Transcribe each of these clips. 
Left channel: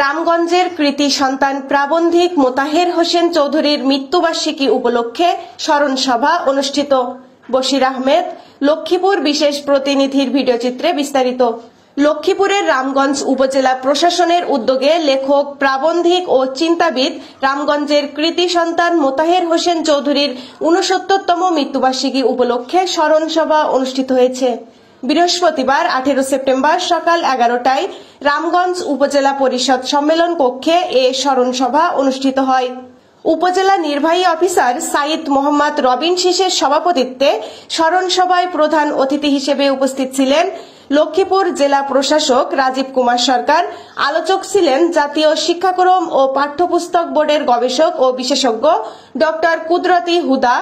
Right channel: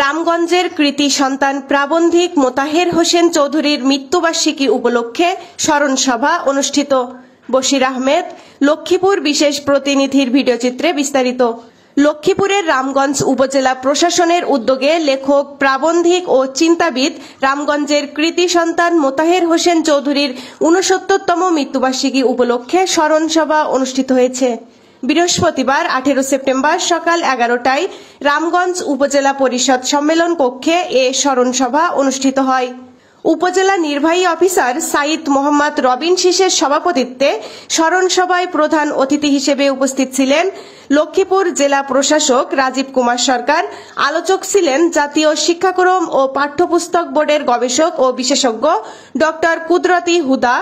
রামগঞ্জের কৃতি সন্তান প্রাবন্ধিক মোতাহের হোসেন চৌধুরীর মৃত্যুবার্ষিকী উপলক্ষে স্মরণ সভা অনুষ্ঠিত। বশির আহমেদ, লক্ষ্মীপুর বিশেষ প্রতিনিধির ভিডিওচিত্রে বিস্তারিত। লক্ষ্মীপুরের রামগঞ্জ উপজেলা প্রশাসনের উদ্যোগে লেখক, প্রাবন্ধিক ও চিন্তাবিদ রামগঞ্জের কৃতি সন্তান মোতাহের হোসেন চৌধুরীর ৬৯তম মৃত্যুবার্ষিকী উপলক্ষে স্মরণ সভা অনুষ্ঠিত হয়েছে। বৃহস্পতিবার 18 সেপ্টেম্বর সকাল 11টায় রামগঞ্জ উপজেলা পরিষদ সম্মেলন কক্ষে এ স্মরণ সভা অনুষ্ঠিত হয়। উপজেলা নির্বাহী অফিসার সাইদ মোহাম্মদ রবিন শীষের সভাপতিত্বে স্মরণ সভায় প্রধান অতিথি হিসেবে উপস্থিত ছিলেন লক্ষ্মীপুর জেলা প্রশাসক রাজীব কুমার সরকার। আলোচক ছিলেন জাতীয় শিক্ষাক্রম ও পাঠ্যপুস্তক বোর্ডের গবেষক ও বিশেষজ্ঞ ডক্টর কুদরতি হুদা,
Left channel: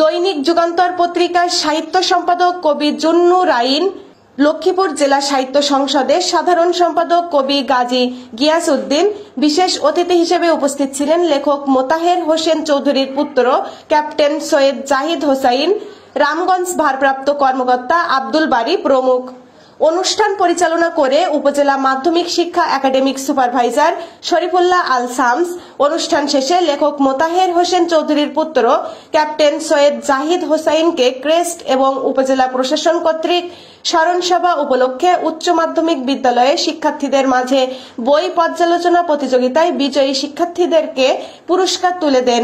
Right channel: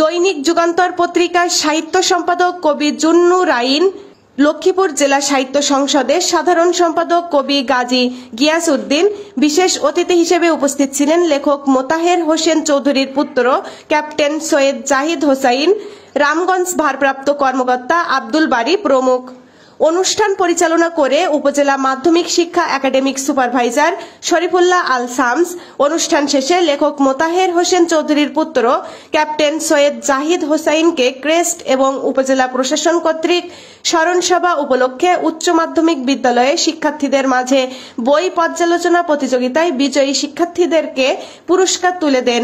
দৈনিক যুগান্তর পত্রিকার সাহিত্য সম্পাদক কবি জুন্নুর আইন, লক্ষ্মীপুর জেলা সাহিত্য সংসদের সাধারণ সম্পাদক কবি গাজী গিয়াস উদ্দিন। বিশেষ অতিথি হিসেবে উপস্থিত ছিলেন লেখক মোতাহের হোসেন চৌধুরীর পুত্র ক্যাপ্টেন সৈয়দ জাহিদ হোসাইন, রামগঞ্জ ভারপ্রাপ্ত কর্মকর্তা আব্দুল বারী প্রমুখ। অনুষ্ঠান পরিচালনা করে উপজেলা মাধ্যমিক শিক্ষা একাডেমিক সুপারভাইজার শরীফুল্লাহ আল শামস। অনুষ্ঠান শেষে লেখক মোতাহের হোসেন চৌধুরীর পুত্র ক্যাপ্টেন সৈয়দ জাহিদ হোসাইনকে ক্রেস্ট এবং উপজেলা প্রশাসন কর্তৃক স্মরণ সভা উপলক্ষে উচ্চ মাধ্যমিক বিদ্যালয়ে শিক্ষার্থীদের মাঝে বই পর্যালোচনা প্রতিযোগিতায় বিজয়ী শিক্ষার্থীদেরকে পুরস্কার তুলে দেন।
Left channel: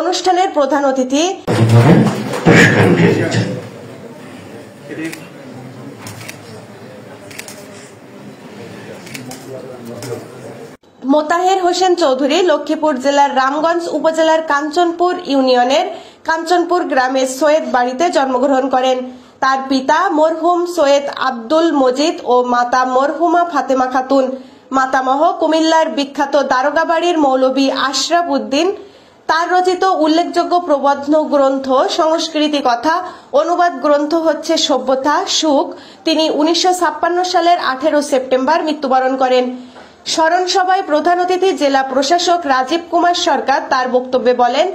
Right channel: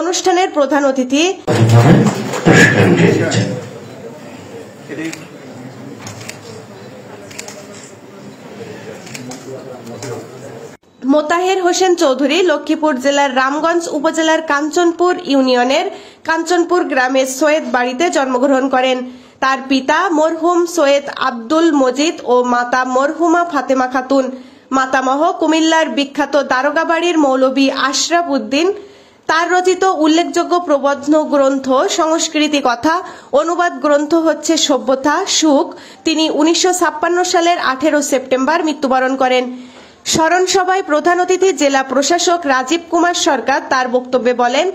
অনুষ্ঠানের প্রধান অতিথি মোতাহের হোসেন চৌধুরী লক্ষ্মীপুর জেলার রামগঞ্জ উপজেলার কাঞ্চনপুর ইউনিয়নের কাঞ্চনপুর গ্রামের সৈয়দ বাড়িতে জন্মগ্রহণ করেন। তার পিতা মরহুম সৈয়দ আব্দুল মজিদ ও মাতা মরহুমা ফাতেমা খাতুন। মাতামহ কুমিল্লার বিখ্যাত দারোগাবাড়ির মৌলভী আশরাফ উদ্দিন। তার রচিত উল্লেখযোগ্য প্রবন্ধ গ্রন্থ সংস্কৃতি কথা অনুবাদ গ্রন্থ হচ্ছে সভ্যতা সুখ। তিনি 1956 সালের 18 সেপ্টেম্বর মৃত্যুবরণ করেন। স্মরণ সভায় প্রধান অতিথি জেলা প্রশাসক রাজীব কুমার সরকার তার বক্তব্যে বলেন,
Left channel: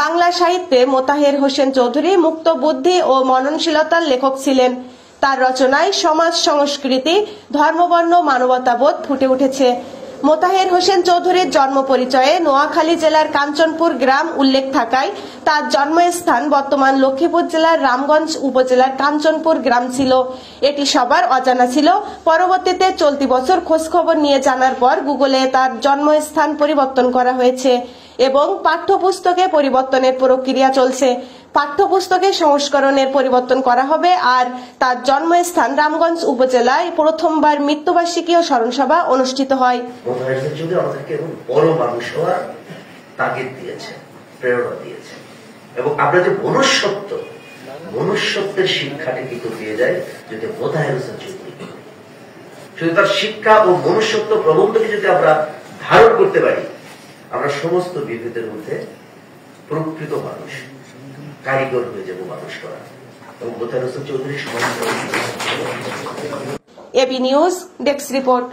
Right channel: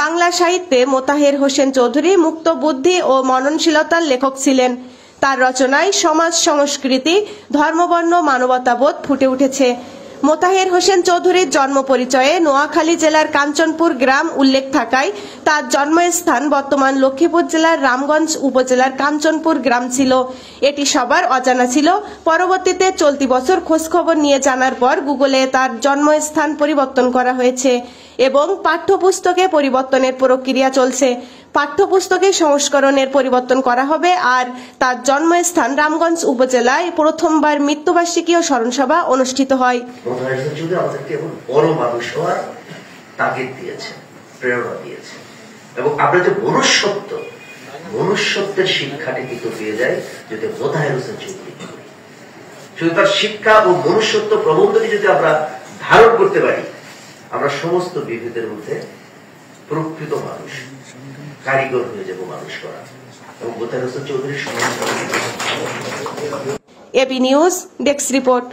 বাংলা সাহিত্যে মোতাহের হোসেন চৌধুরী মুক্ত বুদ্ধি ও মননশীলতার লেখক ছিলেন। তার রচনায় সমাজ সংস্কৃতি, ধর্মবর্ণ, মানবতাবোধ ফুটে উঠেছে। মোতাহের হোসেন চৌধুরীর জন্ম পরিচয়ে নোয়াখালী জেলার কাঞ্চনপুর গ্রাম উল্লেখ থাকায় তার জন্মস্থান বর্তমান লক্ষ্মীপুর জেলার রামগঞ্জ উপজেলার কাঞ্চনপুর গ্রাম ছিল। এটি সবার অজানা ছিল। পরবর্তীতে চলতি বছর খোঁজখবর নিয়ে জানার পর গুগলে তার জন্মস্থান পরিবর্তন করা হয়েছে এবং পাঠ্যপুস্তকে পরিবর্তনের প্রক্রিয়া চলছে। পাঠ্যপুস্তকে সংস্করণের পরিবর্তন করা হবে। আর তার জন্মস্থান রামগঞ্জ উপজেলায় প্রথমবার মৃত্যুবার্ষিকী ও স্মরণসভা অনুষ্ঠিত হয়। বড় মানুষ হওয়ার তাগিদ দিয়েছে, প্রেরণা দিয়েছে এবং আমরা যে মনুষ্যত্বের শিক্ষাটি কিন্তু পেয়ে যাই যদি মোতাহের হোসেন চৌধুরী। শুধু তার শিক্ষা ও মনুষ্যত্ব প্রবন্ধকে যদি আমরা ধারণ করতে পারি, আমরা সমস্ত বিভেদের মধ্যে প্রকৃত মানুষ, কারিগর হয়ে যাব মানুষ করা। এবং মোতাহের হোসেন চৌধুরীর এবি নিউজ ডেস্ক রিপোর্ট।